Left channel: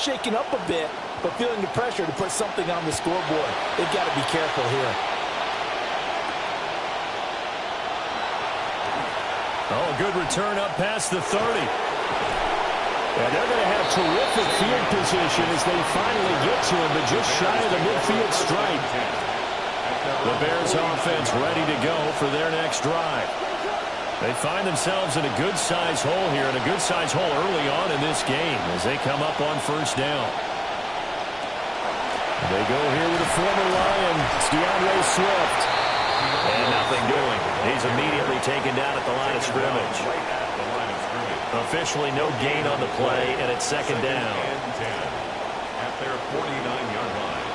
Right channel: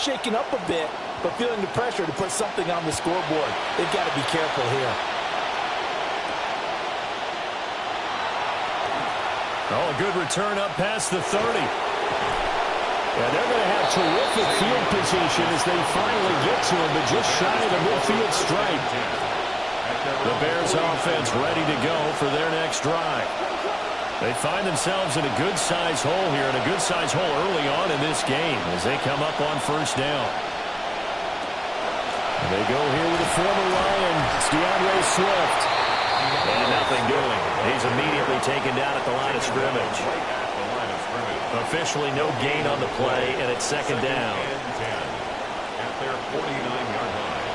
shaken up a bit, but feeling the pressure to put something on the scoreboard. They've got to be careful here. Oh, a good return up past the 30. Yeah, they're going to have terrific field position as they finally get to him, but just shy of the midfield stripe. The Bears offense ready to go for their next drive. They find themselves in a good-sized hole here, and a good-sized hole early on in this game as they come up on first down. They go here with a former Lion, it's DeAndre Swift. And nothing doing. He's immediately taken down at the line of scrimmage. Officially no gain on the play, and it's second down. At their 49-yard line.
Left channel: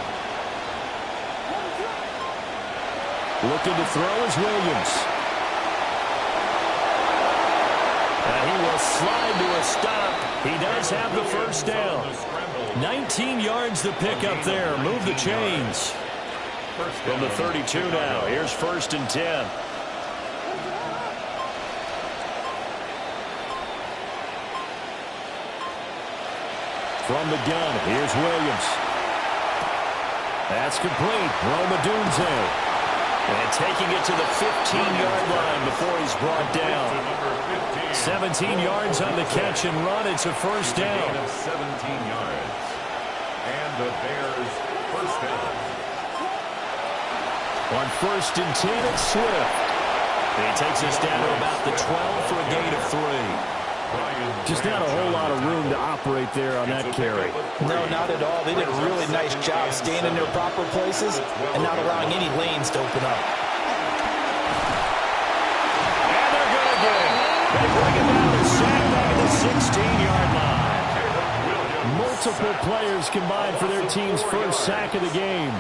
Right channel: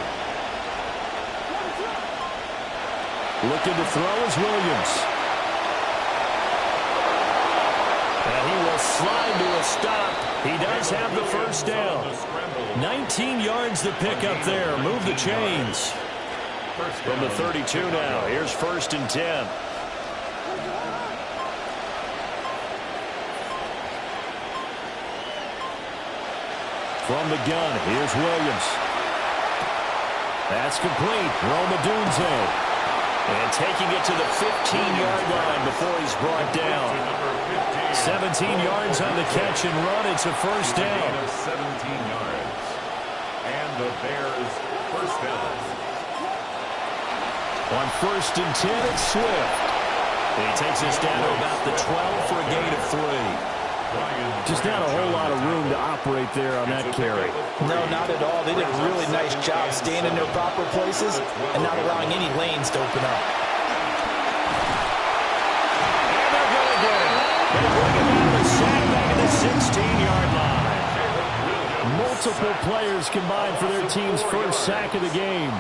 Looking to throw is Williams. And he will slide to a stop. He does have the first down. 19 yards to pick up there. Move the chains. From the 32 now. Here's first and 10. From the gun, here's Williams. That's complete. Roma Dunze. And taking it to the 15-yard line before he's brought down. 17 yards on the catch and run. It's a first down. 17 yards. And the Bears first down. On first and 10, it's Swift. He takes us down to about the 12 for a gain of 3. Just not a whole lot of room to operate there on that carry. No, not at all. They did a really nice job staying in their proper places and not allowing any lanes to open up. And they're going to get it. They bring it down to the sandbag at the 16-yard line. Multiple players combined for their team's first sack of the game.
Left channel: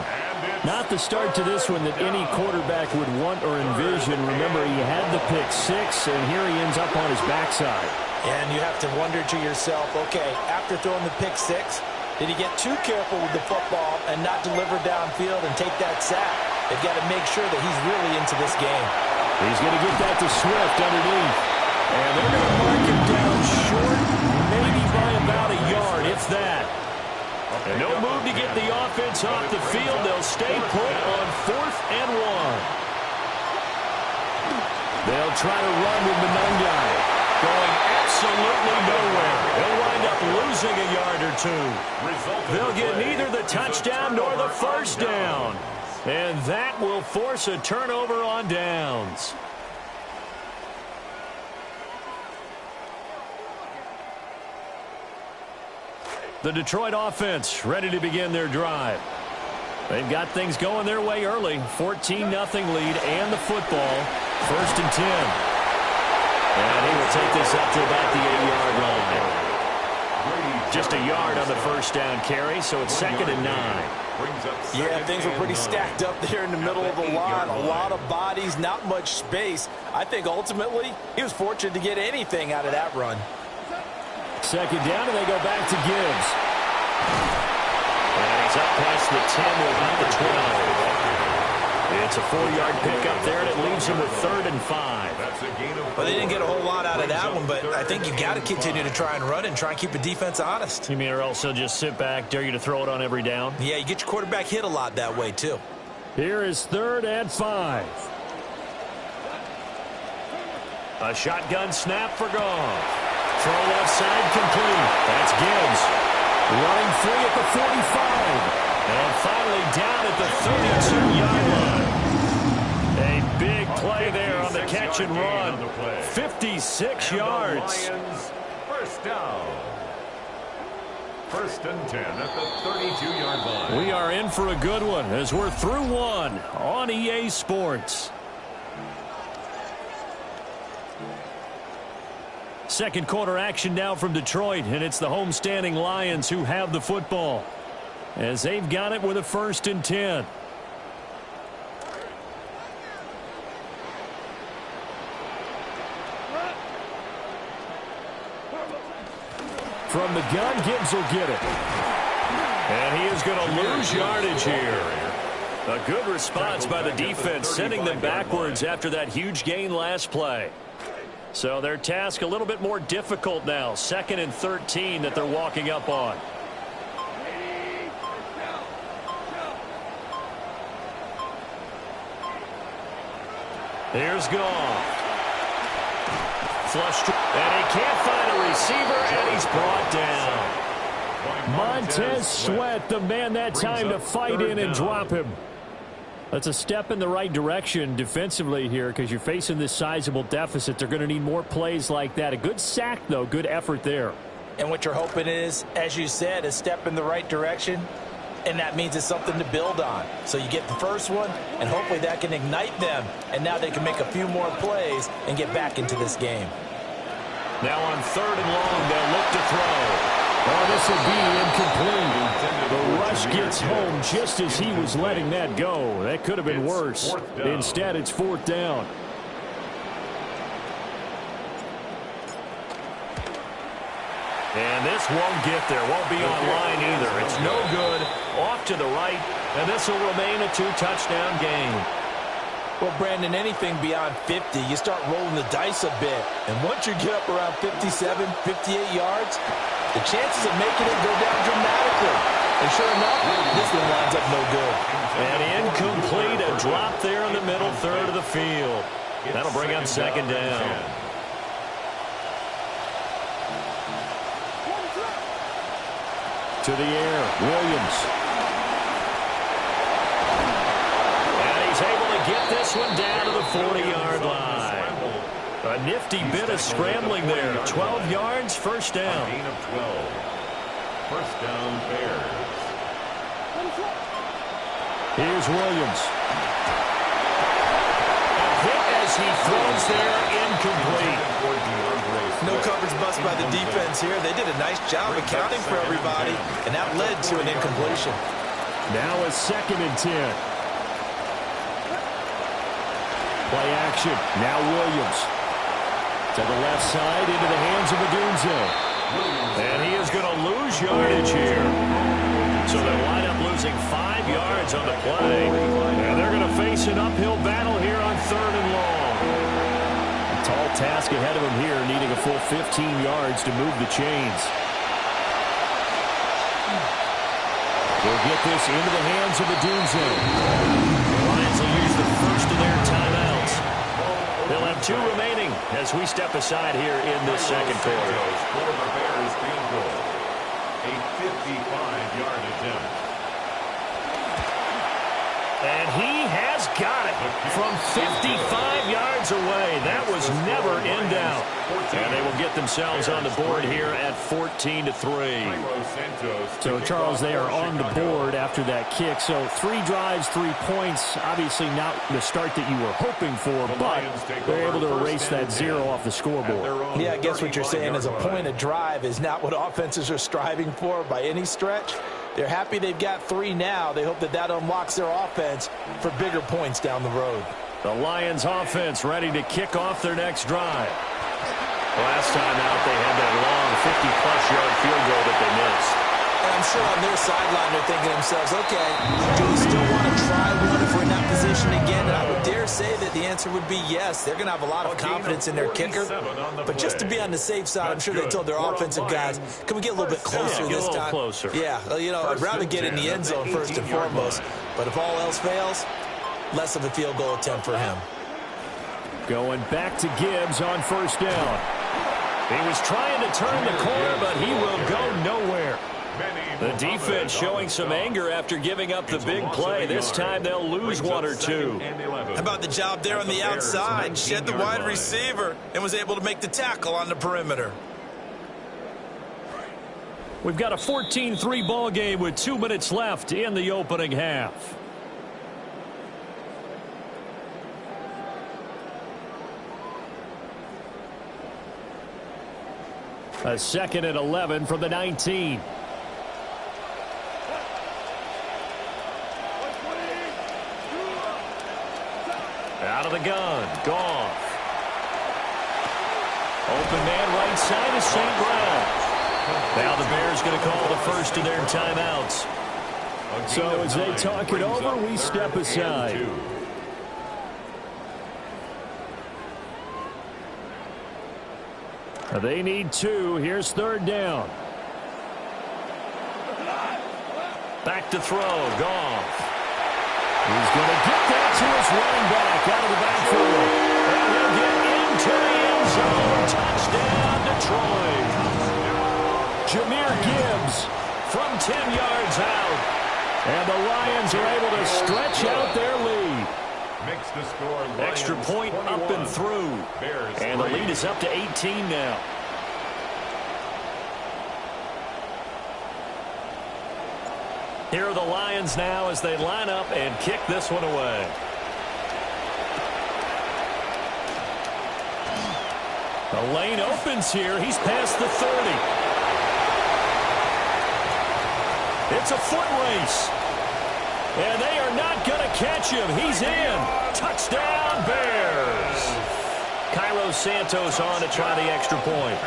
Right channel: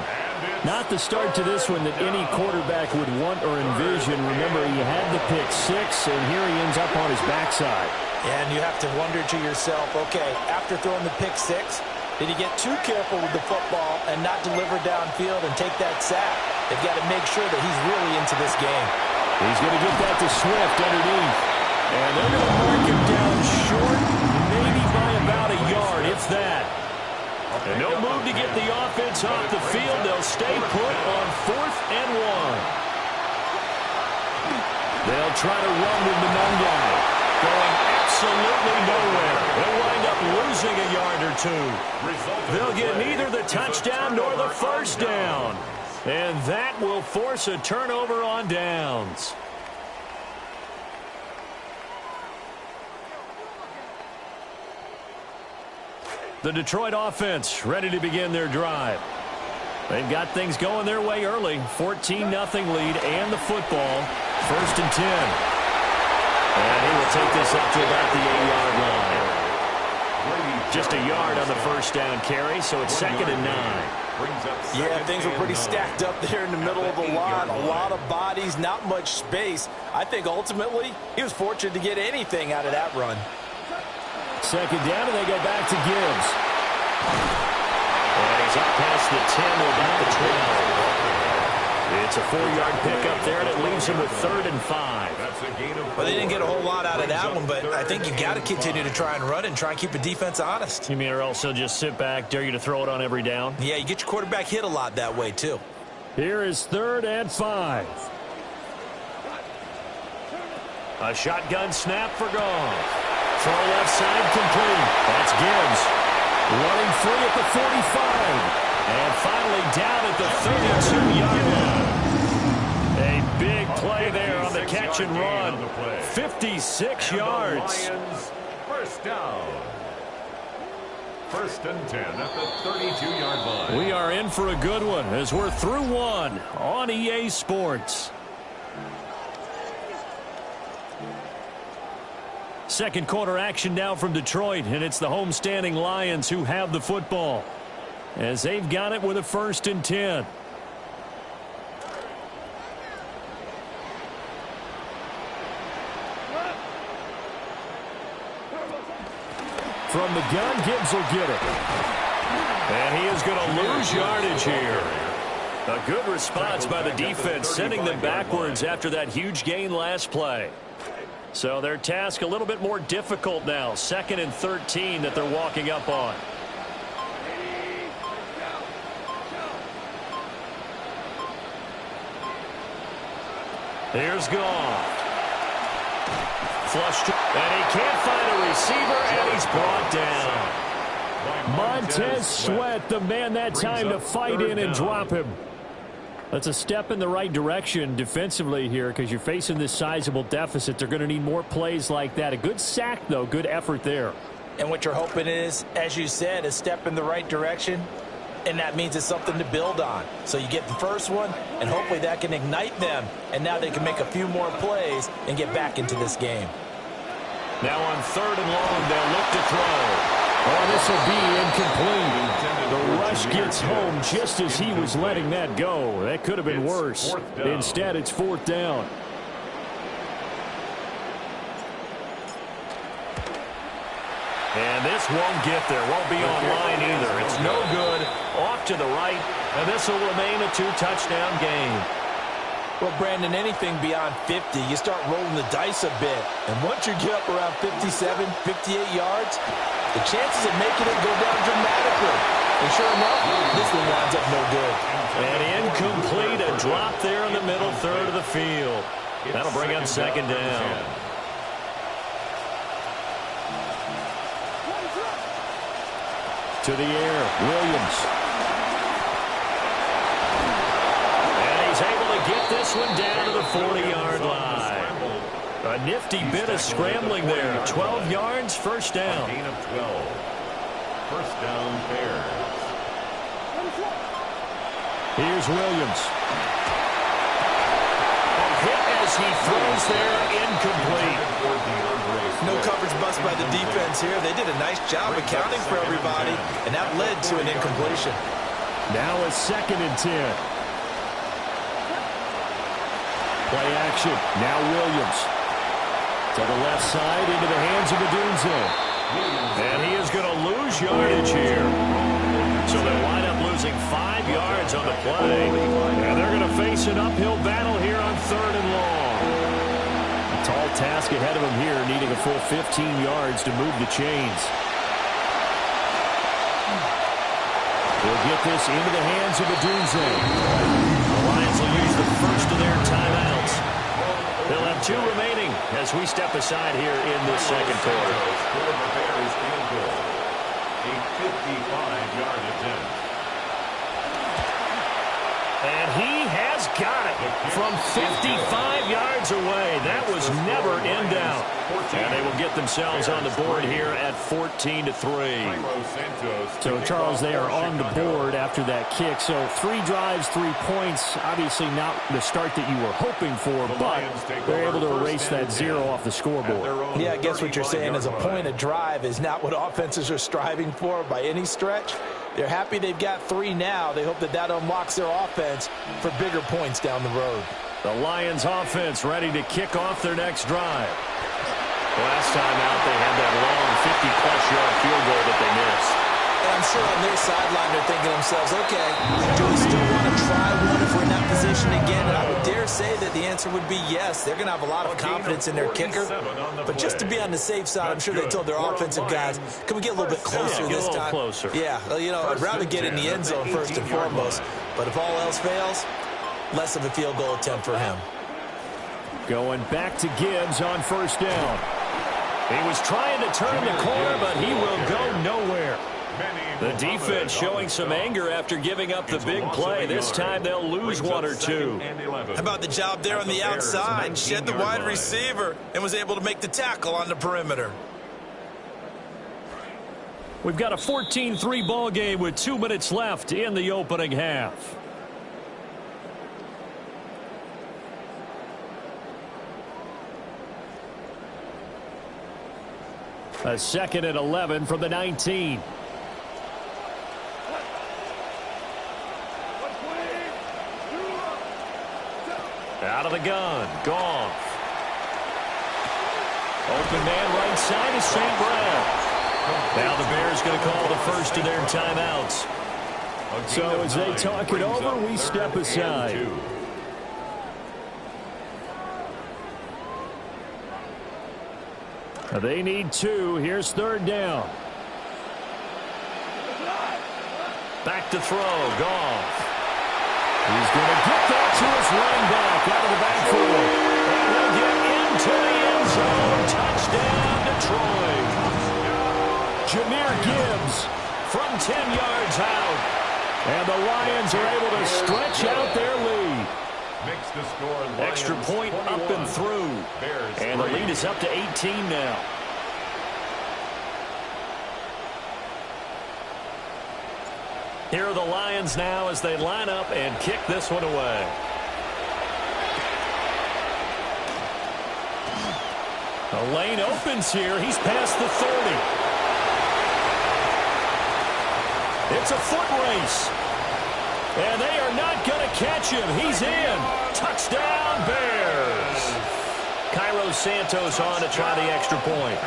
Not the start to this one that any quarterback would want or envision. Remember, he had the pick 6, and here he ends up on his backside. And you have to wonder to yourself, okay, after throwing the pick 6, did he get too careful with the football and not deliver downfield and take that sack? They've got to make sure that he's really into this game. He's going to get that to Swift underneath. And they're going to mark him down short, maybe by about a yard, if that. And no move to get the offense off the field. They'll stay put on 4th and 1. They'll try to run with Monangai. Going absolutely nowhere. He'll wind up losing a yard or 2. They'll get neither the touchdown nor the first down. And that will force a turnover on downs. The Detroit offense ready to begin their drive. They've got things going their way early. 14-0 lead and the football. First and 10. And he will take this up to about the 8-yard line. Just a yard on the first down carry, so it's second and 9. Yeah, things were pretty stacked up there in the middle of the line. A lot of bodies, not much space. I think ultimately he was fortunate to get anything out of that run. Second down, and they go back to Gibbs. And he's up past the 10 to about the 12. It's a 4-yard pickup there, and it leaves him with 3rd and 5. Well, they didn't get a whole lot out of that one, but I think you've got to continue to try and run and try and keep the defense honest. You mean or else he'll just sit back, dare you to throw it on every down? Yeah, you get your quarterback hit a lot that way, too. Here is 3rd and 5. A shotgun snap for Goff. Throw left side complete. That's Gibbs. Running free at the 45. And finally down at the 32-yard line. A big play there on the catch and run. 56 yards. First down. First and 10 at the 32-yard line. We are in for a good one as we're through one on EA Sports. Second quarter action now from Detroit, and it's the homestanding Lions who have the football as they've got it with a 1st and 10. From the gun, Gibbs will get it. And he is going to lose yardage here. A good response by the defense, sending them backwards after that huge gain last play. So their task a little bit more difficult now. 2nd and 13 that they're walking up on. Here's Goff. Flushed, and he can't find a receiver, and he's brought down. Montez Sweat, the man that time to fight in and drop him. That's a step in the right direction defensively here because you're facing this sizable deficit. They're going to need more plays like that. A good sack, though. Good effort there. And what you're hoping is, as you said, a step in the right direction, and that means it's something to build on. So you get the first one, and hopefully that can ignite them, and now they can make a few more plays and get back into this game. Now on 3rd and long, they'll look to throw. Oh, this will be incomplete. The rush gets home just as he was letting that go. That could have been worse. Instead, it's 4th down. And this won't get there. Won't be online either. It's no good. Off to the right. And this will remain a 2-touchdown game. Well, Brandon, anything beyond 50, you start rolling the dice a bit. And once you get up around 57, 58 yards, the chances of making it go down dramatically. And sure enough, this one winds up no good. And incomplete, a drop there in the middle third of the field. That'll bring up 2nd down. To the air, Williams. And he's able to get this one down to the 40-yard line. A nifty bit of scrambling there. 12 yards, 1st down. Gain of 12. 1st down, Bears. Here's Williams. A hit as he throws there, incomplete. No coverage bust by the defense here. They did a nice job accounting for everybody, and that led to an incompletion. Now a 2nd and 10. Play action. Now Williams. To the left side, into the hands of Adunze. And he is going to lose yardage here. So they wind up losing 5 yards on the play. And they're going to face an uphill battle here on 3rd and long. A tall task ahead of them here, needing a full 15 yards to move the chains. He'll get this into the hands of Adunze. The Lions will use the first of their timeouts. They'll have 2 remaining as we step aside here in this 2nd quarter. For the Bears field goal. A 55-yard attempt. And he has got it from 55 yards away. That was never in doubt. And they will get themselves on the board here at 14-3. So, Charles, they are on the board after that kick. So 3 drives, 3 points. Obviously not the start that you were hoping for, but they're able to erase that 0 off the scoreboard. Yeah, I guess what you're saying is a point of drive is not what offenses are striving for by any stretch. They're happy they've got 3 now. They hope that that unlocks their offense for bigger points down the road. The Lions offense ready to kick off their next drive. Last time out, they had that long 50-plus yard field goal that they missed. And I'm sure on their sideline they're thinking to themselves, okay, do we still want to try one if we're in that position again? And I would dare say that the answer would be yes. They're going to have a lot of confidence in their kicker. But just to be on the safe side, I'm sure they told their offensive guys, can we get a little bit closer this time? Closer. Yeah, well, you know, I'd rather get in the end zone first and foremost. But if all else fails, less of a field goal attempt for him. Going back to Gibbs on 1st down. He was trying to turn the corner, but he will go nowhere. The defense showing some anger after giving up the big play. This time they'll lose 1 or 2. How about the job there on the outside? Shed the wide receiver and was able to make the tackle on the perimeter. We've got a 14-3 ball game with 2 minutes left in the opening half. A 2nd and 11 from the 19. Out of the gun, Goff. Open man right side is St. Brown. Now the Bears going to call the first of their timeouts. So as they talk it over, we step aside. They need 2. Here's 3rd down. Back to throw, Goff. He's going to get that to his running back out of the backfield. And he'll get into the end zone. Touchdown, Detroit. Jahmyr Gibbs from 10 yards out. And the Lions are able to stretch out their lead. Makes the score Lions Extra point 21, up and through. Bears and the 3. lead is up to 18 now. Here are the Lions now as they line up and kick this one away. The lane opens here. He's past the 30. It's a foot race. And they are not going to catch him. He's in. Touchdown, Bears. Cairo Santos on to try the extra point.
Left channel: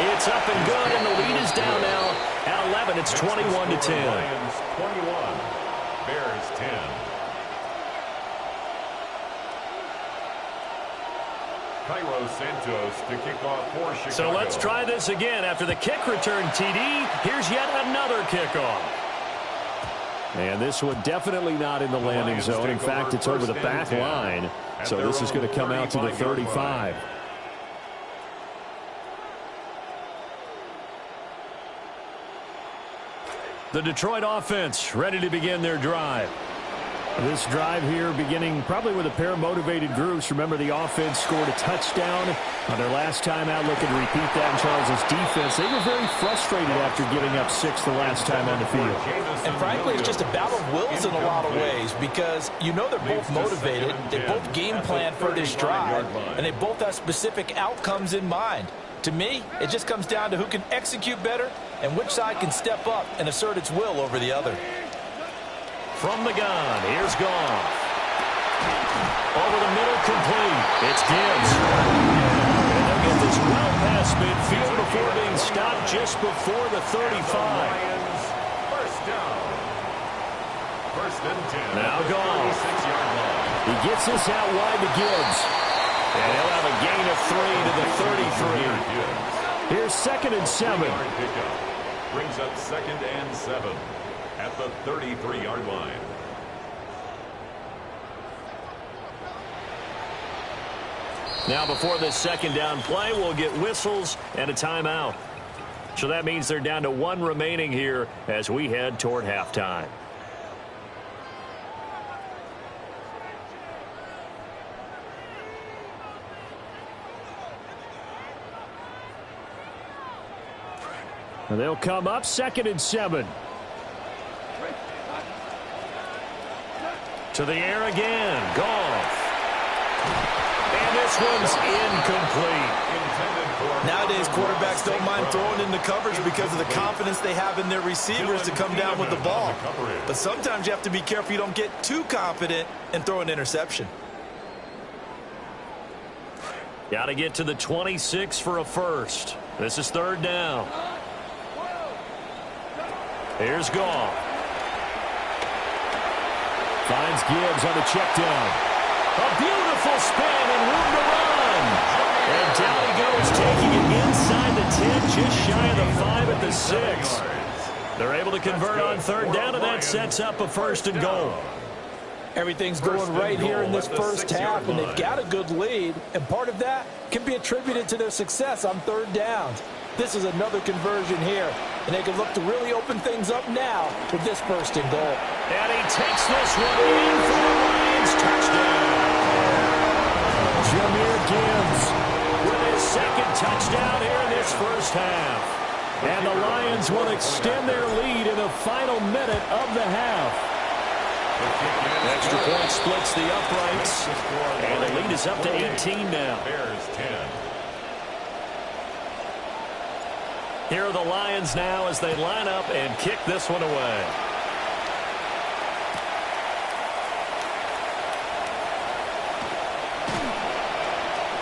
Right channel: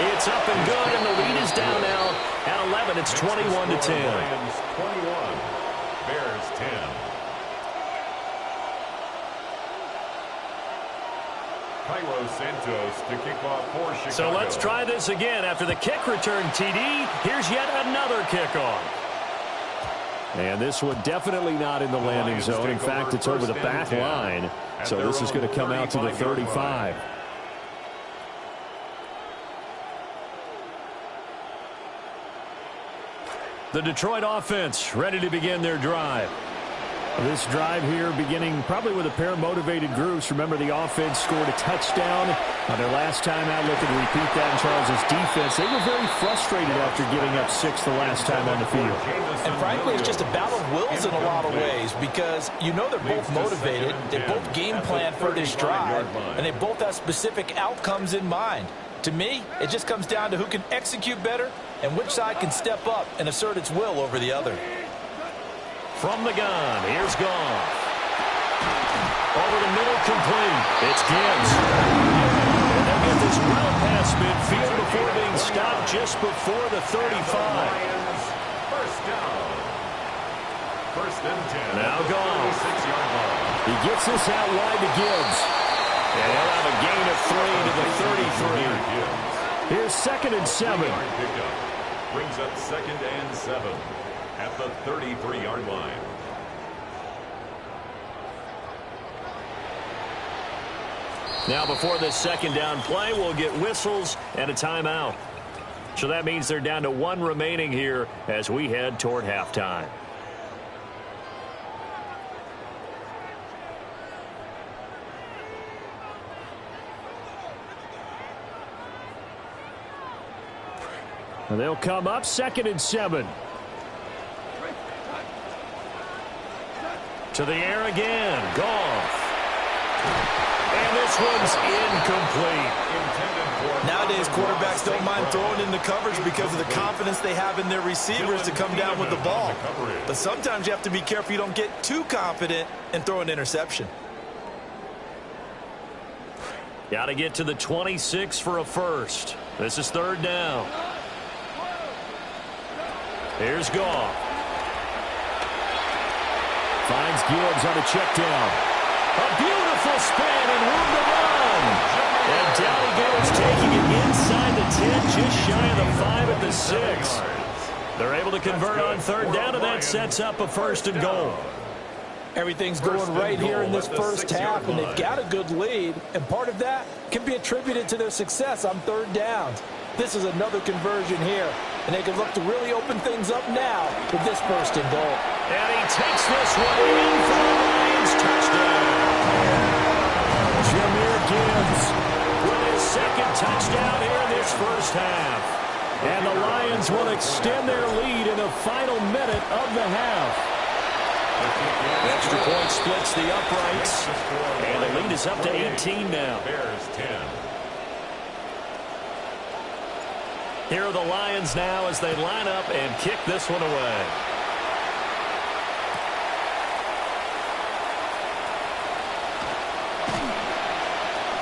It's up and good, and the lead is down now at 11. It's 21-10. Lions 21, Bears 10. Cairo Santos to kick off for Chicago. So let's try this again. After the kick return, TD, here's yet another kickoff. And this one definitely not in the landing zone. In fact, it's over the back line. So this is going to come out to the 35. The Detroit offense ready to begin their drive. This drive here beginning probably with a pair of motivated groups. Remember, the offense scored a touchdown on their last time out. Looking to repeat that in Charles's defense. They were very frustrated after giving up 6 the last time on the field. And frankly, it's just a battle of wills in a lot of ways because you know they're both motivated. They both game plan for this drive, and they both have specific outcomes in mind. To me, it just comes down to who can execute better and which side can step up and assert its will over the other. From the gun, here's Goff. Over the middle, complete. It's Gibbs. And they'll get this well past midfield before being stopped just before the 35. First down. First and 10. Now Goff. 36-yard line. He gets this out wide to Gibbs. And he'll have a gain of 3 to the 33. Here's 2nd and 7. Pickup. Brings up 2nd and 7 at the 33-yard line. Now before this 2nd down play, we'll get whistles and a timeout. So that means they're down to 1 remaining here as we head toward halftime. And they'll come up 2nd and 7. To the air again. Goff. And this one's incomplete. Nowadays, quarterbacks don't mind throwing in the coverage because of the confidence they have in their receivers to come down with the ball. But sometimes you have to be careful you don't get too confident and throw an interception. Got to get to the 26 for a first. This is 3rd down. Here's Goff. Finds Gibbs on a check down. A beautiful spin and room to run. And down he goes, taking it inside the 10, just shy of the 5 at the 6. They're able to convert on 3rd down, and that sets up a 1st and goal. Everything's going right here in this first half, and they've got a good lead. And part of that can be attributed to their success on 3rd downs. This is another conversion here, and they can look to really open things up now with this 1st and goal. And he takes this one in for the Lions. Touchdown. Jahmyr Gibbs with his 2nd touchdown here in this first half. And the Lions will extend their lead in the final minute of the half. The extra point splits the uprights, and the lead is up to 18 now. Bears 10. Here are the Lions now as they line up and kick this one away.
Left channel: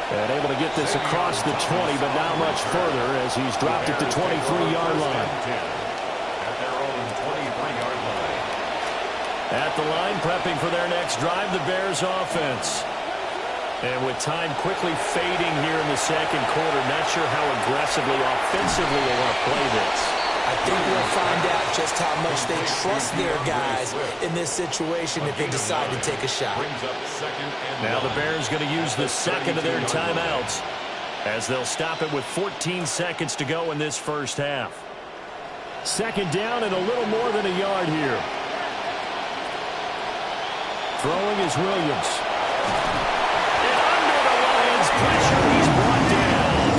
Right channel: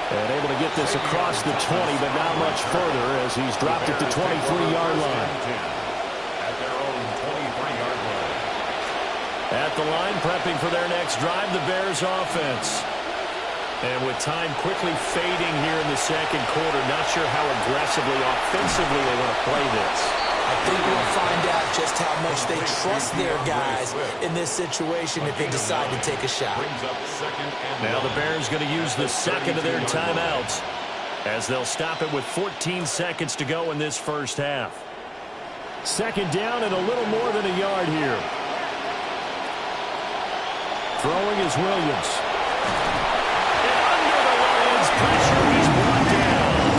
And able to get this across the 20, but not much further as he's dropped it to 23-yard line. At their own 23-yard line. At the line, prepping for their next drive, the Bears offense. And with time quickly fading here in the 2nd quarter, not sure how aggressively, offensively they want to play this. I think we'll find out just how much they trust their guys in this situation if they decide to take a shot. Now the Bears going to use the second of their timeouts as they'll stop it with 14 seconds to go in this first half. Second down and a little more than a yard here. Throwing is Williams. And under the Lions' pressure, he's brought down.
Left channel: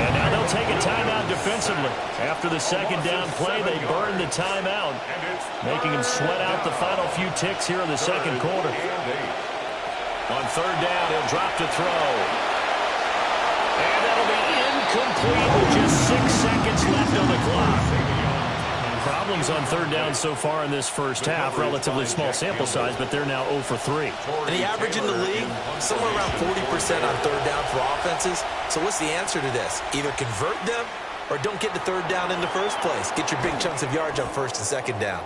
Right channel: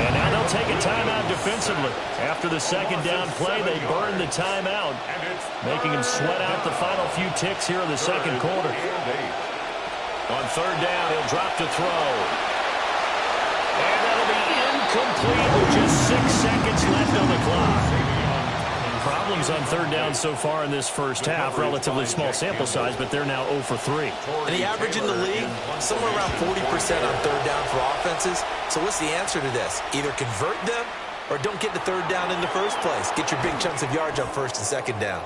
And now they'll take a timeout defensively. After the second down play, they burn the timeout, making him sweat out the final few ticks here in the second quarter. On third down, he'll drop to throw. And that'll be incomplete with just 6 seconds left on the clock. Problems on third down so far in this first half. Relatively small sample size, but they're now 0 for 3. And the average in the league, somewhere around 40% on third down for offenses. So what's the answer to this? Either convert them or don't get the third down in the first place. Get your big chunks of yards on first and second down.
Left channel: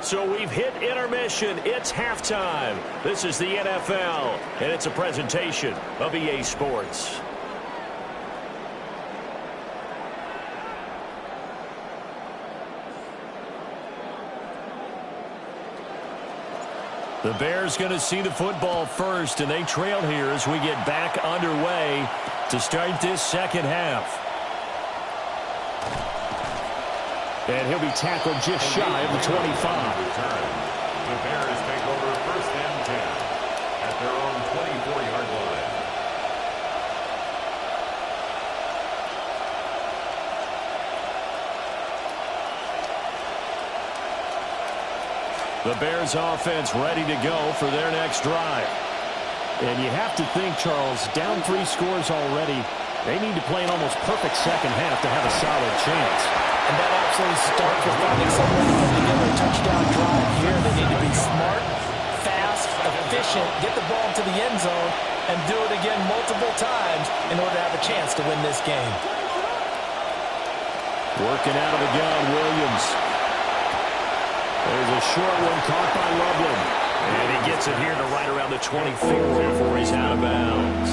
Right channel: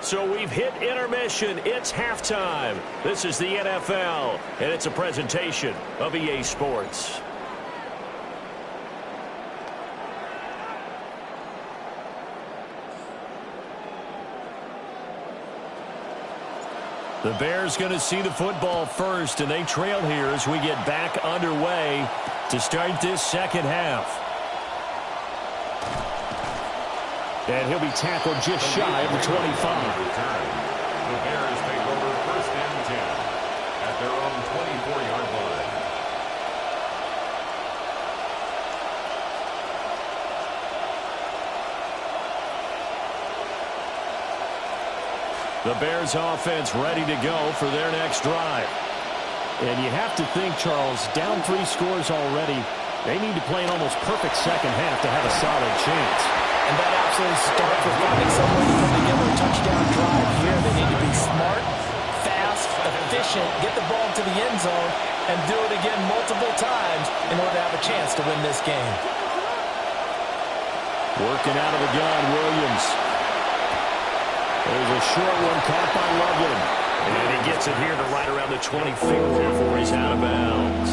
So we've hit intermission. It's halftime. This is the NFL, and it's a presentation of EA Sports. The Bears going to see the football first, and they trail here as we get back underway to start this second half. And he'll be tackled just shy of the 25. The Bears take over first and 10 at their own 24-yard line. The Bears offense ready to go for their next drive. And you have to think, Charles, down 3 scores already. They need to play an almost perfect second half to have a solid chance. And that absolutely starts with finding some way to put together a touchdown drive here. They need to be smart, fast, efficient, get the ball to the end zone, and do it again multiple times in order to have a chance to win this game. Working out of the gun, Williams. There's a short one caught by Loveland. And he gets it here to right around the 24 before he's out of bounds.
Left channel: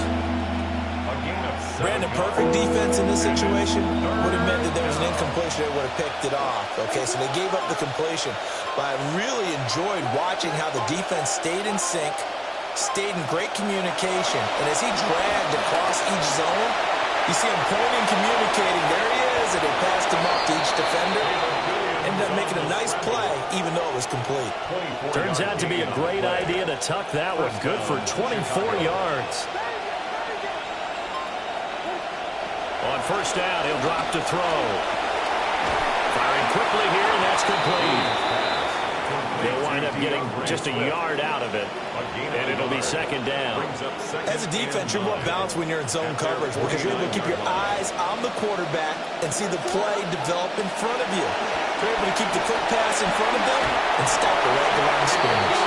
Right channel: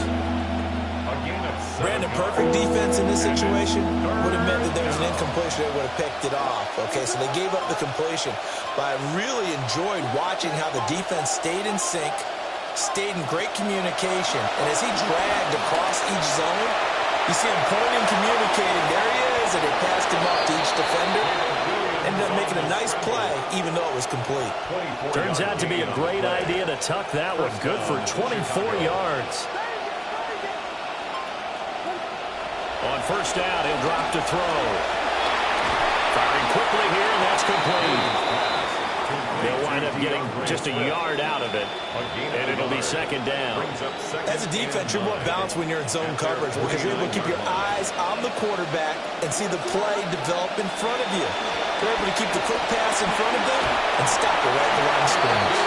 Brandon, perfect defense in this situation would have meant that there was an incompletion. They would have picked it off. Okay, so they gave up the completion. But I really enjoyed watching how the defense stayed in sync, stayed in great communication. And as he dragged across each zone, you see him pointing, communicating. There he is, and they passed him off to each defender. Ended up making a nice play, even though it was complete. Turns out to be a great idea to tuck that one. Good for 24 yards. On first down, he'll drop to throw. Firing quickly here, and that's complete. They'll wind up getting just a yard out of it, and it'll be second down. As a defense, you're more balanced when you're in zone coverage because you're able to keep your eyes on the quarterback and see the play develop in front of you. You're able to keep the quick pass in front of them and stop it right at the line of scrimmage.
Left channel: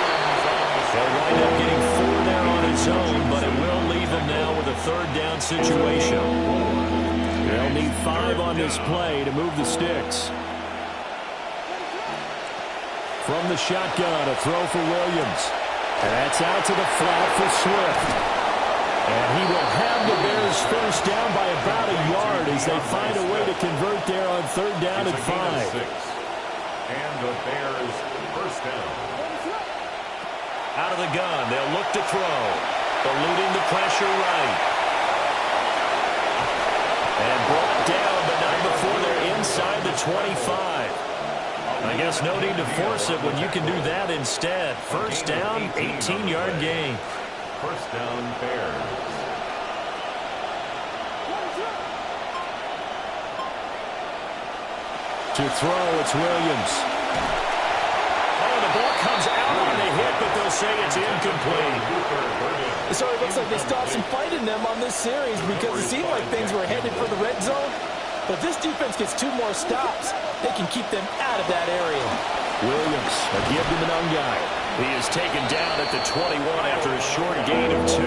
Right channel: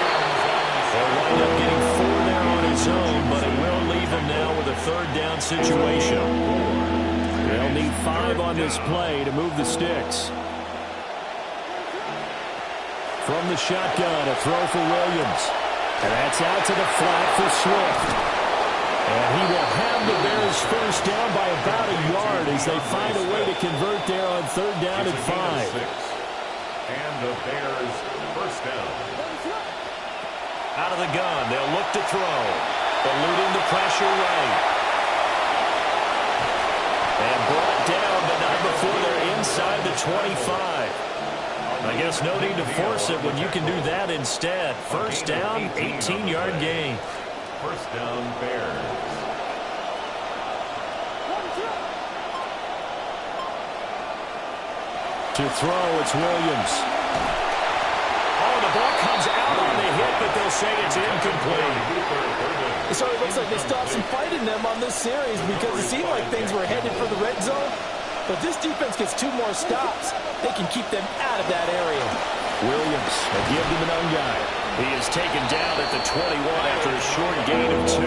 They'll wind up getting 4 there on its own, but it will leave them now with a third down situation. They'll need 5 on this play to move the sticks. From the shotgun, a throw for Williams. And that's out to the flat for Swift. And he will have the Bears first down by about a yard as they find a way to convert there on third down at 5. And the Bears first down. Out of the gun, they'll look to throw. Eluding the pressure right. And brought down, but not before they're inside the 25. I guess no need to force it when you can do that instead. First down, 18-yard gain. First down, Bears. To throw, it's Williams. Oh, the ball comes out on the hit, but they'll say it's incomplete. So it looks like they still have some fight in them on this series because it seemed like things were headed for the red zone. But if this defense gets 2 more stops, they can keep them out of that area. Williams, a give to Monungai. He is taken down at the 21 after a short gain of 2.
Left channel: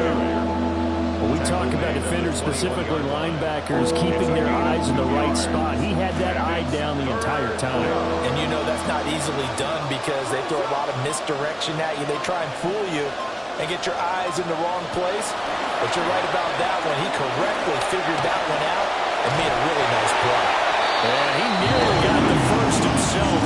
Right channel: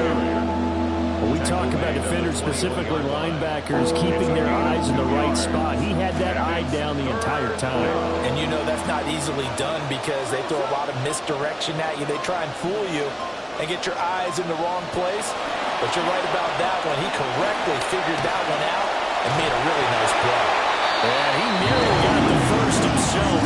When we talk about defenders, specifically linebackers, keeping their eyes in the right spot, he had that eye down the entire time. And you know that's not easily done because they throw a lot of misdirection at you. They try and fool you and get your eyes in the wrong place. But you're right about that one. He correctly figured that one out and made a really nice play. And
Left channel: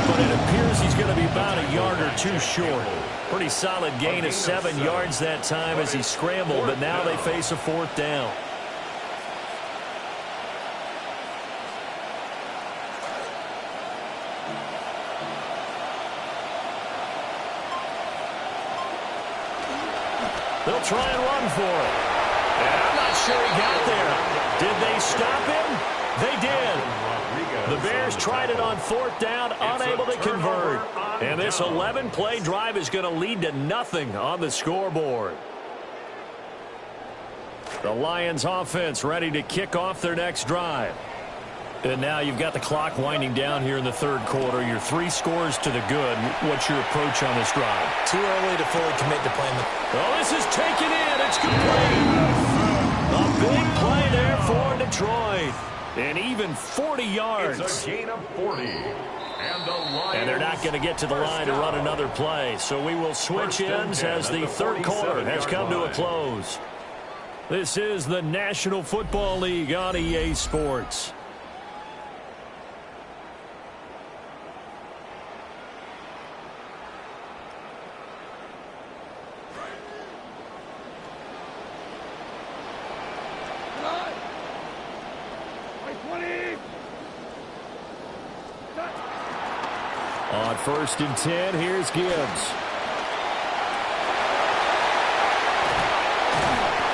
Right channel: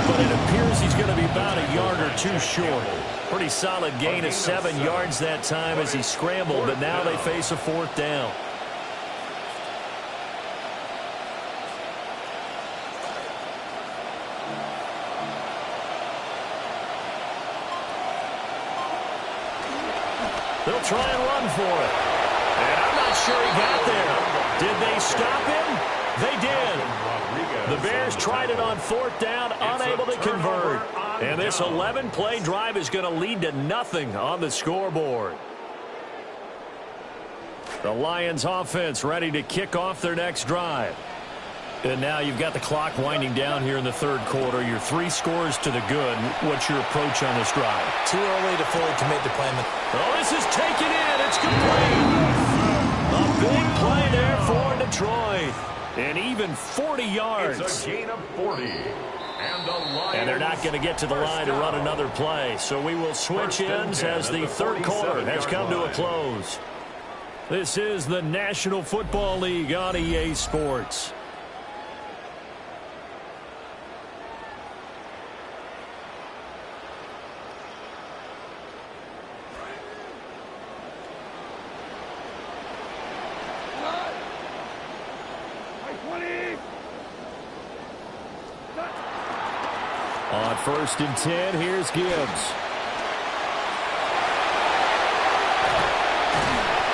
but it appears he's going to be about a yard or two short. Pretty solid gain of 7 yards that time as he scrambled, but now they face a 4th down. They'll try and run for it. And I'm not sure he got there. Did they stop him? They did. The Bears tried it on 4th down, unable to convert. And this 11-play drive is going to lead to nothing on the scoreboard. The Lions offense ready to kick off their next drive. And now you've got the clock winding down here in the 3rd quarter. You're 3 scores to the good. What's your approach on this drive? Too early to fully commit to playing the... Oh, this is taken in. It's complete. A big play there for Detroit. And even 40 yards. It's a gain of 40. And they're not going to get to the line to run another play. So we will switch ends as the 3rd quarter has come to a close. This is the National Football League on EA Sports. On 1st and 10, here's Gibbs.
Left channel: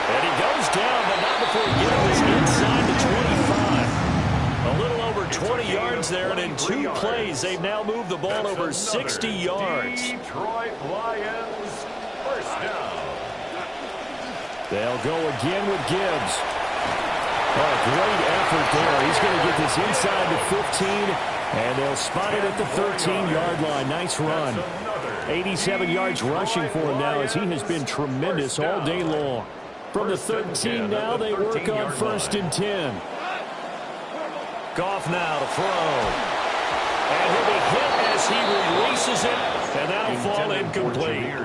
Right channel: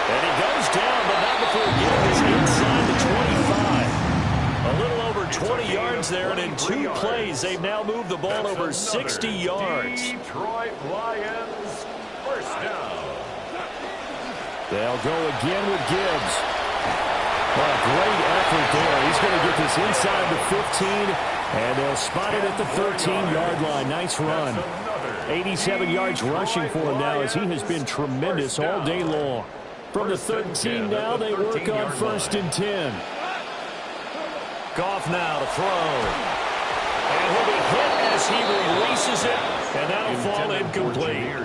And he goes down, but not before getting this inside the 25. A little over 20 yards there, and in 2 plays, they've now moved the ball over 60 yards. Detroit Lions, 1st down. They'll go again with Gibbs. What a great effort there. He's going to get this inside the 15, and they'll spot it at the 13-yard line. Nice run. 87 yards rushing for him now as he has been tremendous all day long. From the 13 now, they work on 1st and 10. Goff now to throw. And he'll be hit as he releases it, and that'll fall incomplete.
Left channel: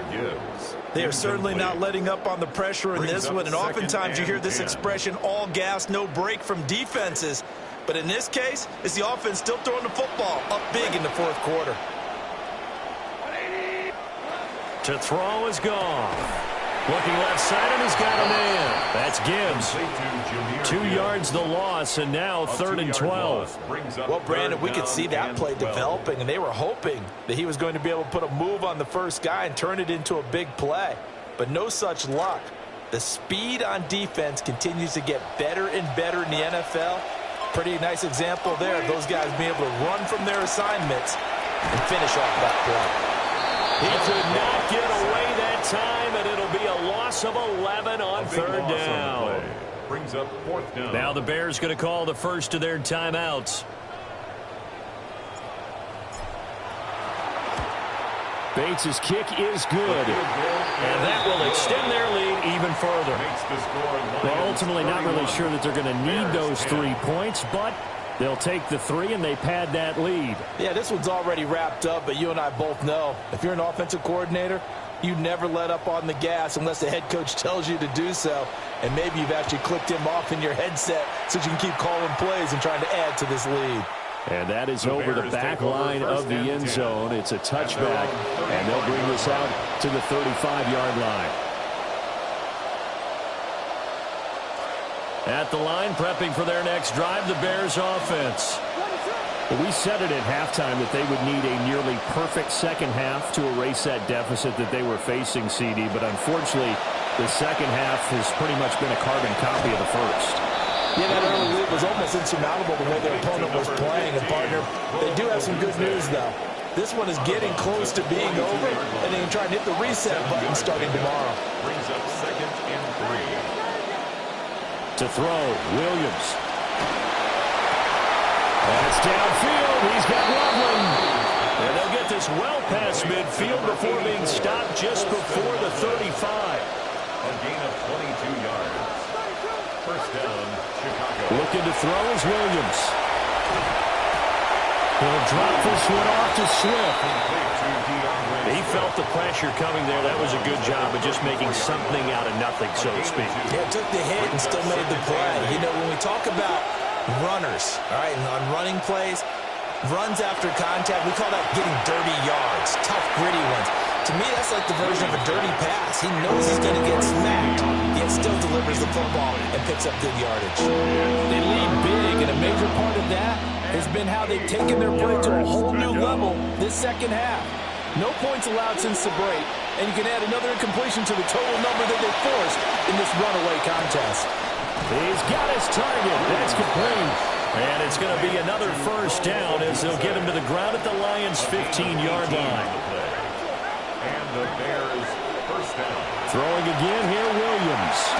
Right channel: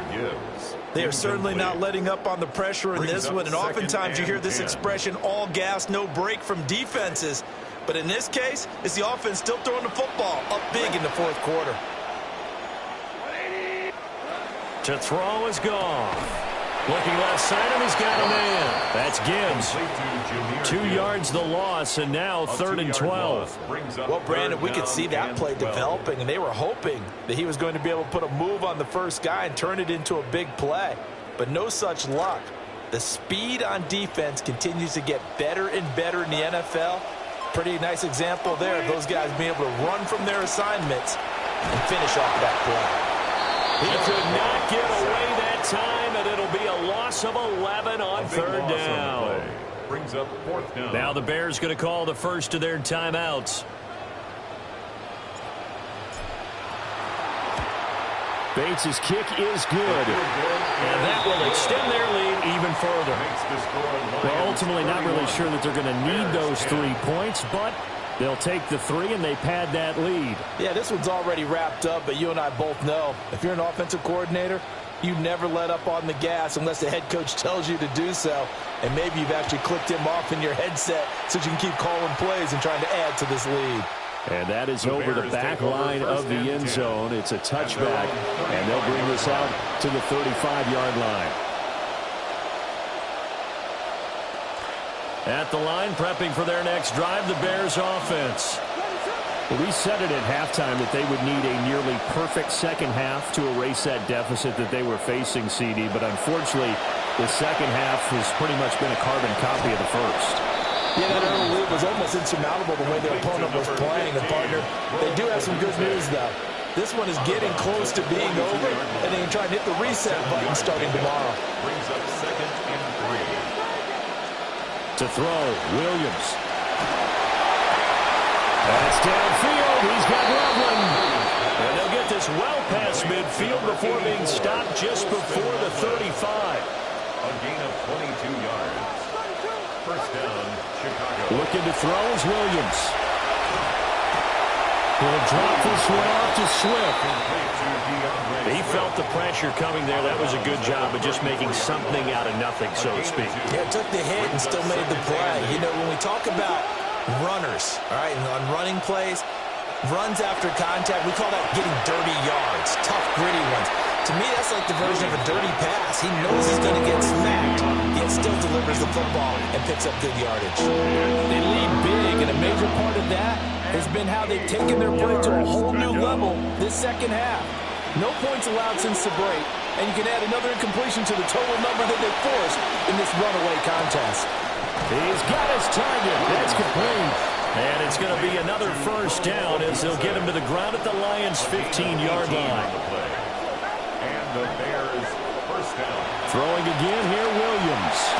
They are certainly not letting up on the pressure in this one, and oftentimes you hear this expression, all gas, no break from defenses. But in this case, it's the offense still throwing the football up big in the 4th quarter. To throw is Goff. Looking left side, and he's got a man. That's Gibbs. 2 yards the loss, and now 3rd and 12. Well, Brandon, we could see that play developing, and they were hoping that he was going to be able to put a move on the first guy and turn it into a big play. But no such luck. The speed on defense continues to get better and better in the NFL. Pretty nice example there of those guys being able to run from their assignments and finish off that play. He could not get away that time, and it'll be a loss of 11 on 3rd down. Brings up 4th down. Now the Bears going to call the first of their timeouts. Bates' kick is good, and that will extend their lead even further. Well, ultimately not really sure that they're going to need those 3 points, but they'll take the 3 and they pad that lead. Yeah, this one's already wrapped up, but you and I both know if you're an offensive coordinator, you never let up on the gas unless the head coach tells you to do so. And maybe you've actually clicked him off in your headset so you can keep calling plays and trying to add to this lead. And that is over the back line of the end zone. It's a touchback, and they'll bring this out to the 35-yard line. At the line, prepping for their next drive, the Bears offense. We said it at halftime that they would need a nearly perfect second half to erase that deficit that they were facing, CD. But unfortunately, the second half has pretty much been a carbon copy of the first. Yeah, that early lead was almost insurmountable the way their opponent was playing. And, partner, they do have some good news, though. This one is getting close to being over, and they can try and hit the reset button starting tomorrow. Brings up 2nd and 3. To throw, Williams. That's downfield. He's got Loveland. And they'll get this well past midfield before being stopped just before the 35. A gain of 22 yards. 1st down, Chicago. Looking to throw is Williams. He'll drop this one off to Swift. He felt the pressure coming there. That was a good job of just making something out of nothing, so to speak. Yeah, took the hit and still made the play. You know, when we talk about runners, all right, and on running plays, Runs after contact, we call that getting dirty yards, tough, gritty ones. To me, that's like the version of a dirty pass. He knows he's going to get smacked, yet still delivers the football and picks up good yardage. They lead big, and a major part of that has been how they've taken their play to a whole new level this second half. No points allowed since the break, and you can add another incompletion to the total number that they forced in this runaway contest. He's got his target. That's complete. And it's going to be another first down as they'll get him to the ground at the Lions' 15-yard line. And the Bears first down. Throwing again here, Williams.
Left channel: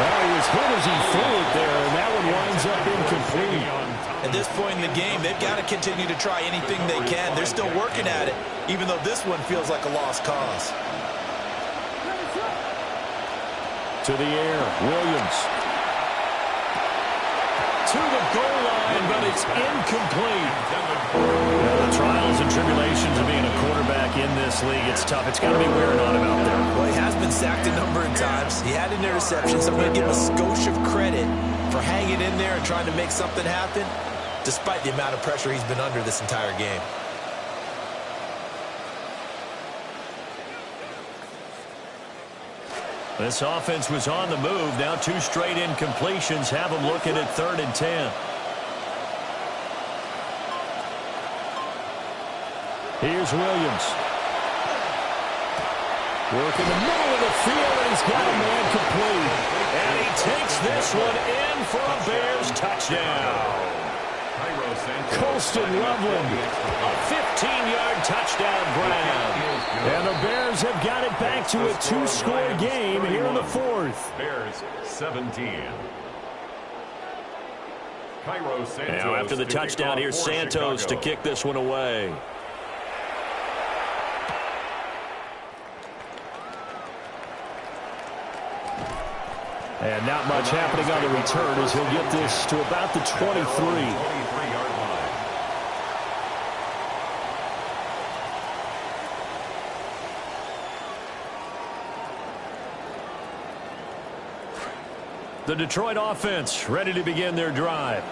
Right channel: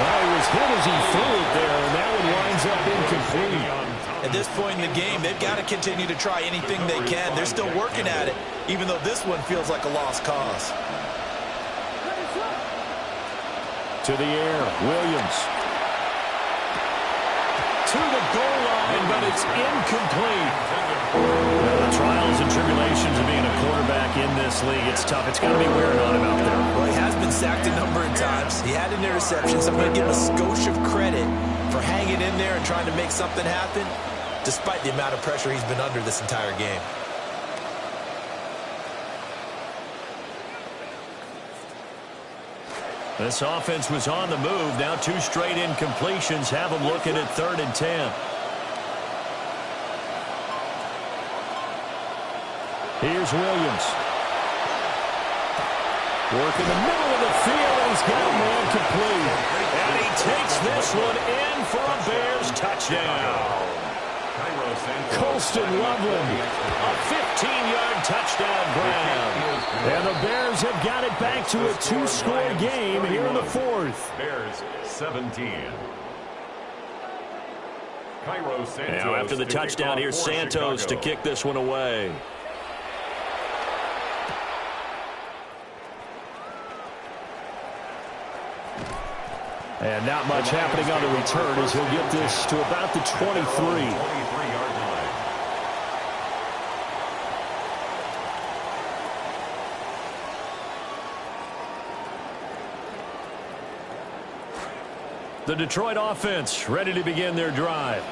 Oh, he was hit as he threw it there, and that one winds up incomplete. At this point in the game, they've got to continue to try anything they can. They're still working at it, even though this one feels like a lost cause. To the air, Williams. To the goal line, but it's incomplete. The trials and tribulations of being a quarterback in this league, it's tough. It's got to be wearing on him out there. Well, he has been sacked a number of times. He had an interception, so I'm going to give him a skosh of credit for hanging in there and trying to make something happen, despite the amount of pressure he's been under this entire game. This offense was on the move. Now 2 straight incompletions have them looking at 3rd and 10. Here's Williams. Work in the middle of the field, and he's got a man complete. And he takes this one in for a Bears touchdown. Colston Loveland. A 15-yard touchdown grab. And the Bears have got it back to a 2-score game here in the 4th. Bears 17. Now after the touchdown, here's Santos to kick this one away. And not much happening on the return as he'll get this to about the 23. 23-yard line. The Detroit offense ready to begin their drive.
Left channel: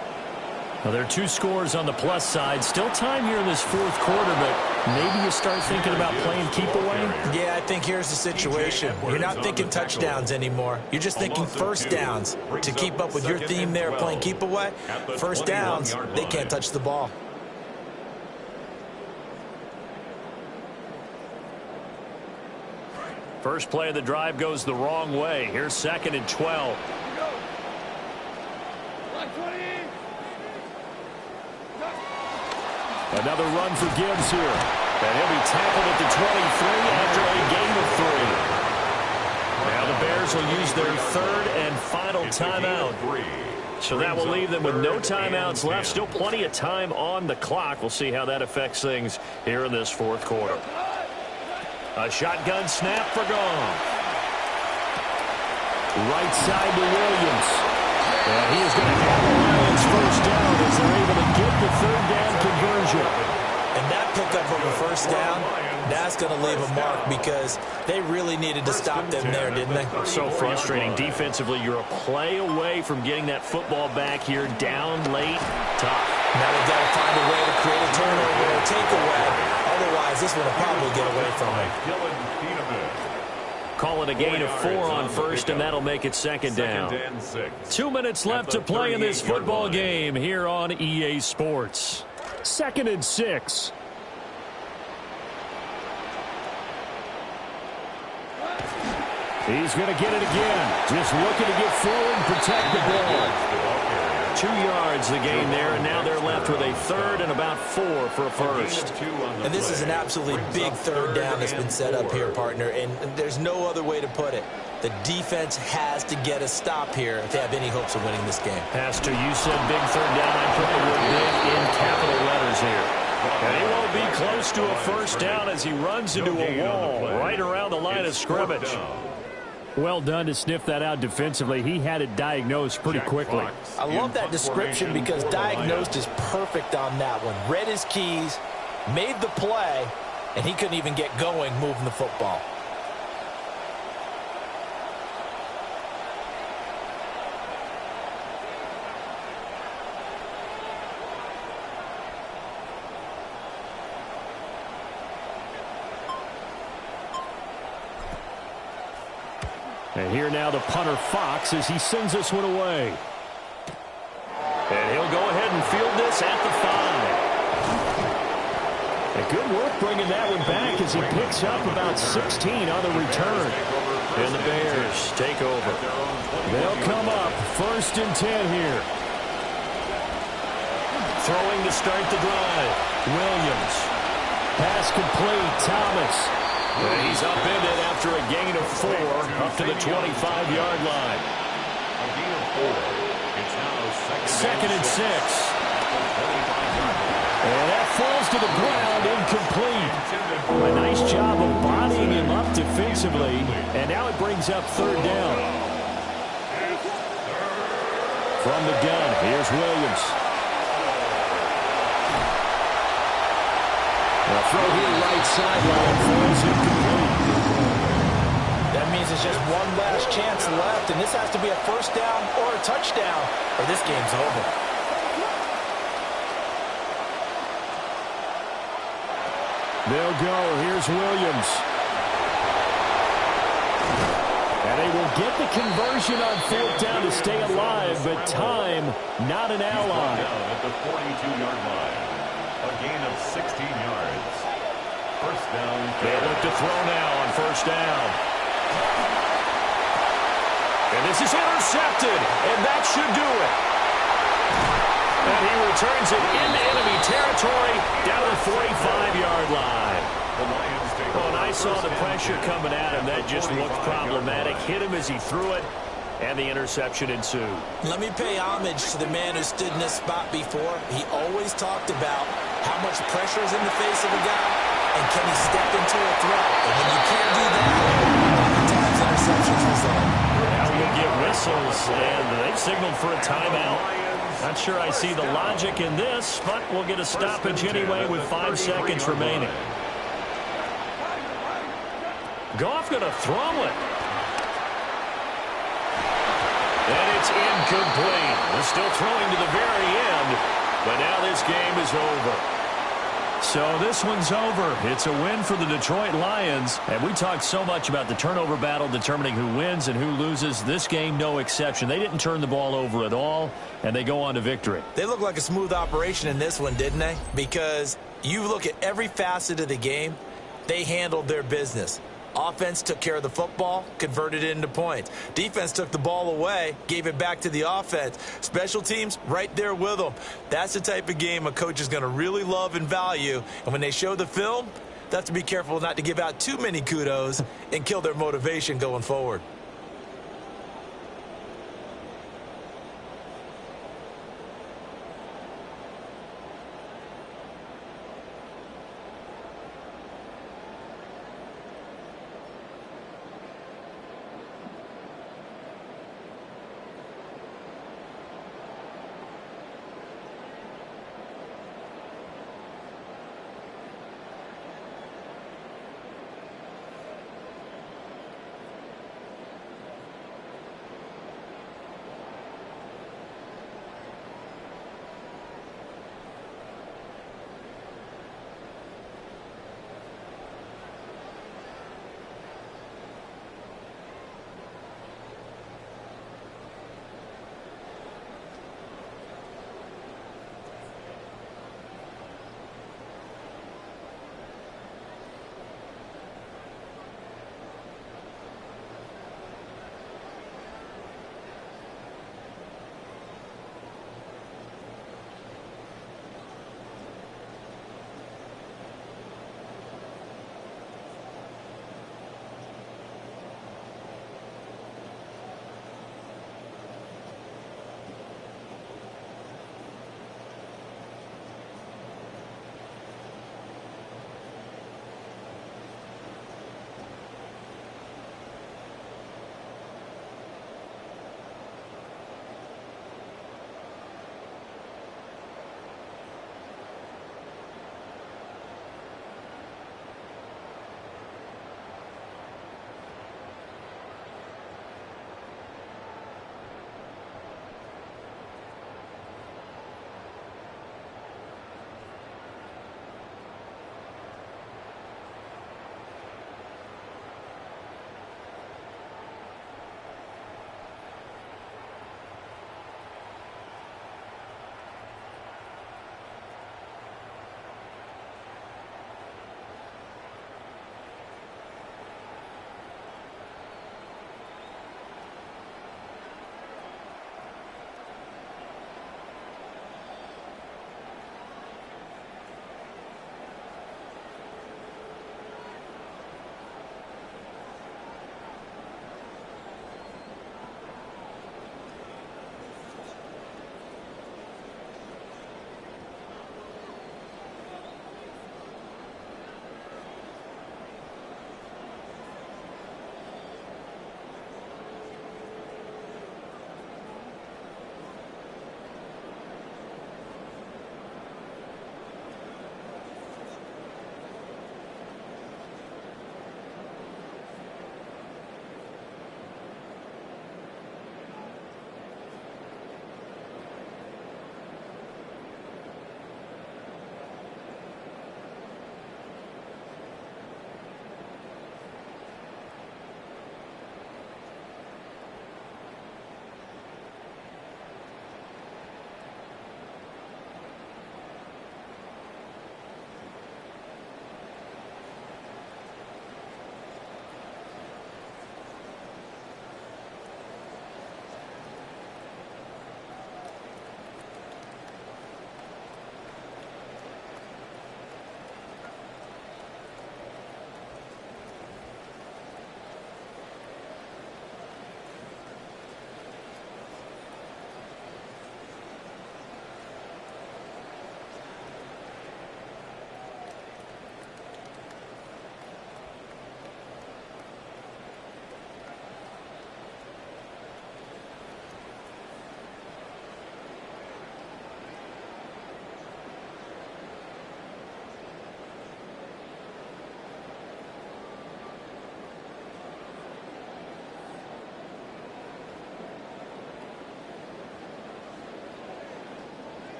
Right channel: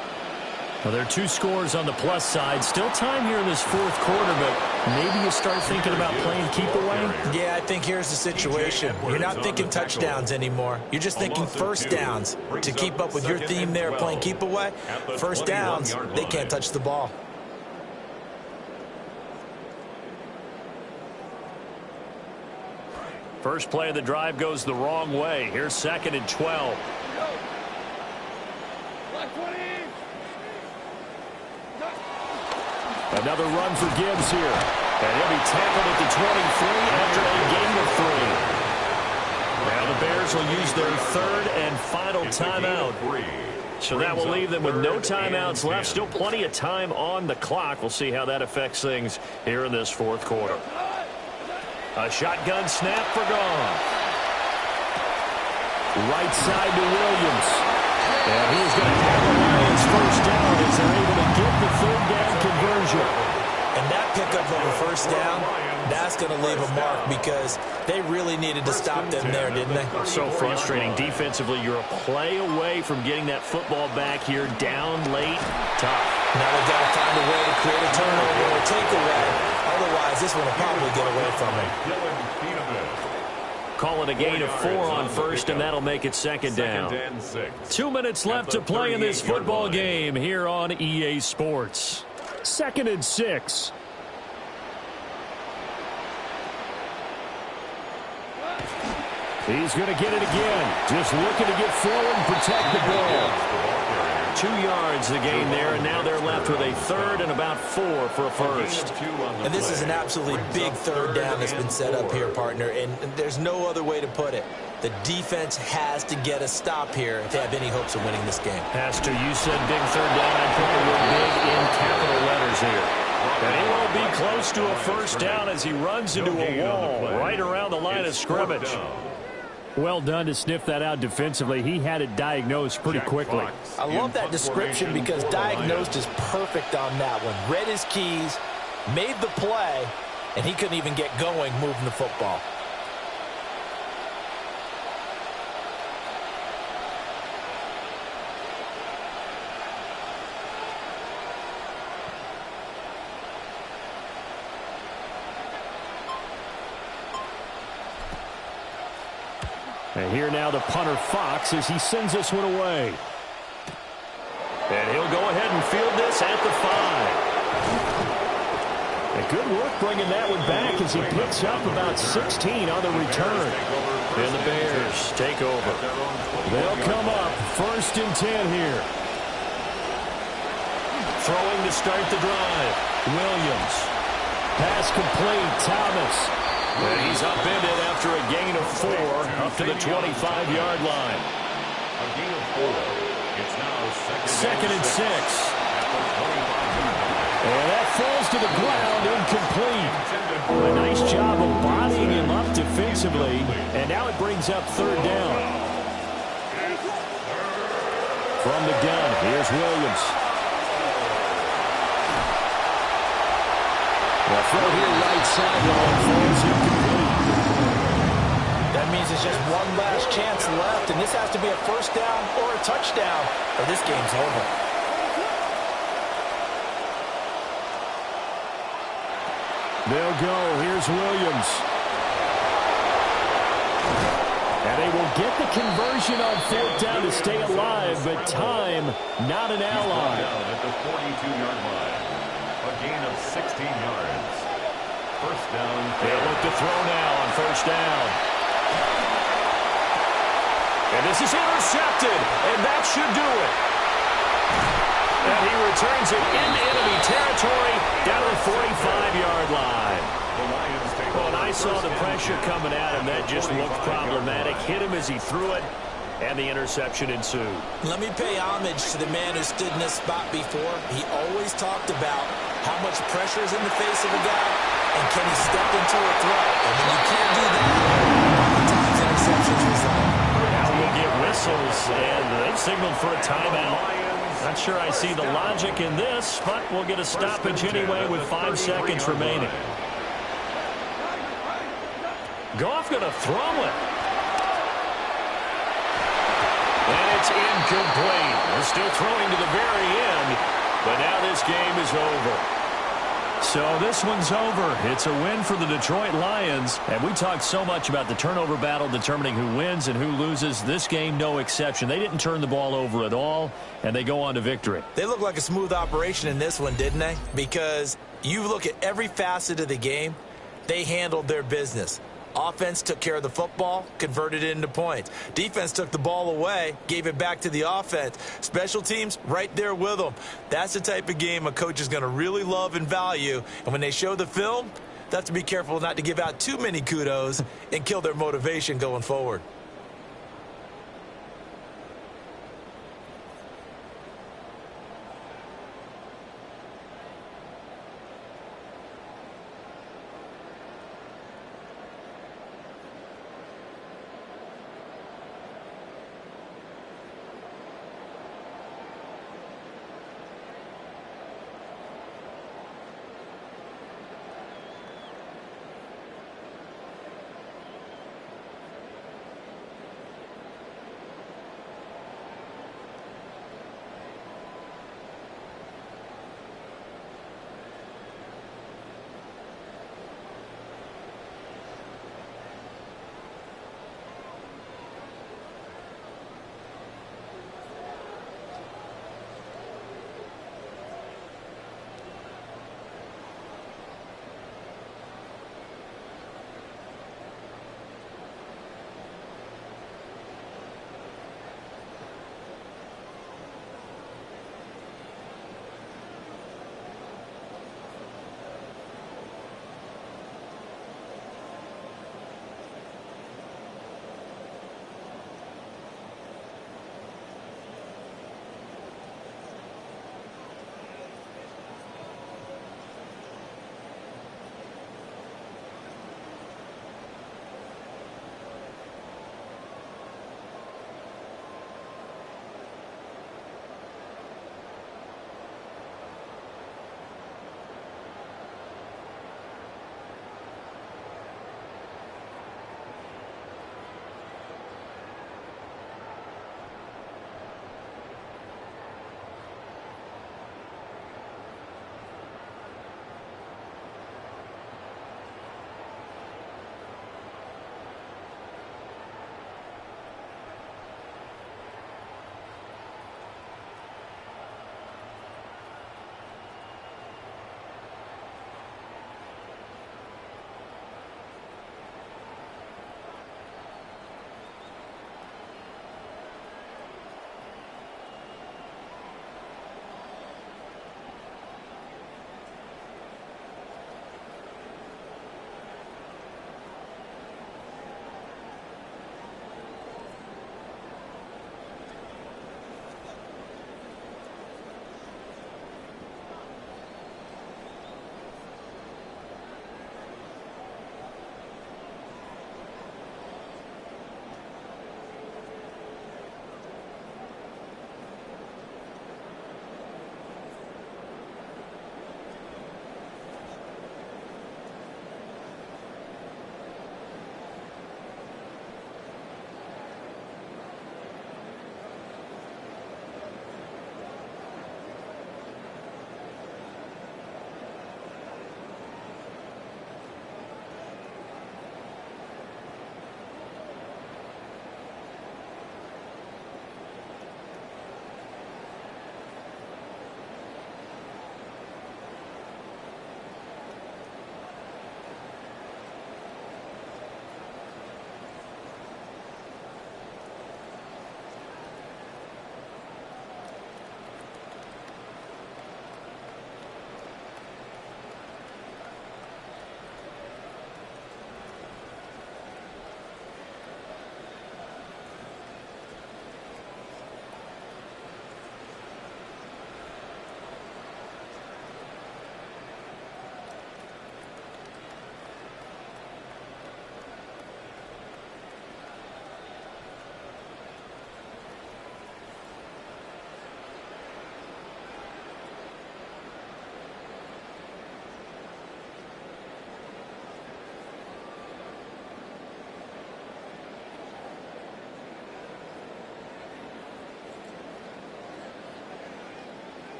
Now, there are 2 scores on the plus side. Still time here in this 4th quarter, but maybe you start thinking about playing keep away? Yeah, I think here's the situation. You're not thinking touchdowns anymore. You're just thinking first downs. To keep up with your theme there, playing keep away, first downs, they can't touch the ball. First play of the drive goes the wrong way. Here's 2nd and 12. Another run for Gibbs here. And he'll be tackled at the 23 after a gain of 3. Now the Bears will use their 3rd and final timeout. So that will leave them with no timeouts left. Still plenty of time on the clock. We'll see how that affects things here in this 4th quarter. A shotgun snap for Goff. Right side to Williams. And he is going to have the Lions first down as they're able to get the 3rd down conversion. And that pickup of a first down, that's going to leave a mark because they really needed to stop them there, didn't they? So frustrating. Defensively, you're a play away from getting that football back here down late. Tough. Now they've got to find a way to create a turnover or a takeaway. Otherwise, this one will probably get away from them. Call it a gain of 4 on first, and that'll make it 2nd down. 2 minutes left to play in this football game here on EA Sports. 2nd and 6. He's going to get it again. Just looking to get forward and protect the ball. 2 yards the gain there, and now they're left with a 3rd and about 4 for a first. And this is an absolutely big 3rd down that's been set up here, partner, and there's no other way to put it. The defense has to get a stop here if they have any hopes of winning this game. Pastor, you said big 3rd down. I'd put the word big in capital letters here. And he won't be close to a first down as he runs into a wall right around the line of scrimmage. Well done to sniff that out defensively. He had it diagnosed pretty quickly. I love that description because diagnosed is perfect on that one. Read his keys, made the play, and he couldn't even get going moving the football. And here now the punter Fox as he sends this one away. And he'll go ahead and field this at the 5. And good work bringing that one back as he picks up about 16 on the return. And the Bears take over. They'll come up 1st and 10 here. Throwing to start the drive. Williams. Pass complete. Thomas. And he's upended after a gain of 4 up to the 25-yard line. A gain of 4. It's now second and 6. At the 25-yard line. And that falls to the ground, incomplete. A nice job of bodying him up defensively. And now it brings up 3rd down. From the gun, here's Williams. The throw here right sideline falls incomplete. That means it's just one last chance left, and this has to be a 1st down or a touchdown, or this game's over. They'll go. Here's Williams. And they will get the conversion on 4th down to stay alive, but time not an ally. Down at the 42-yard line. A gain of 16 yards. 1st down. They'll look to throw now on 1st down. And this is intercepted, and that should do it. And he returns it into enemy territory down to the 45-yard line. The Lions take Well, and I saw the pressure coming at him. That just looked problematic. Hit him as he threw it, and the interception ensued. Let me pay homage to the man who stood in this spot before. He always talked about how much pressure is in the face of a guy, and can he step into a throw. And when you can't do that, oftentimes interceptions result. Now we'll get whistles, and they've signaled for a timeout. Not sure I see the logic in this, but we'll get a stoppage anyway with 5 seconds remaining. Goff going to throw it. And it's incomplete. We're still throwing to the very end, but now this game is over. So this one's over. It's a win for the Detroit Lions. And we talked so much about the turnover battle determining who wins and who loses. This game, no exception. They didn't turn the ball over at all, and they go on to victory. They look like a smooth operation in this one, didn't they? Because you look at every facet of the game, they handled their business. Offense took care of the football, converted it into points. Defense took the ball away, gave it back to the offense. Special teams, right there with them. That's the type of game a coach is going to really love and value. And when they show the film, they have to be careful not to give out too many kudos and kill their motivation going forward.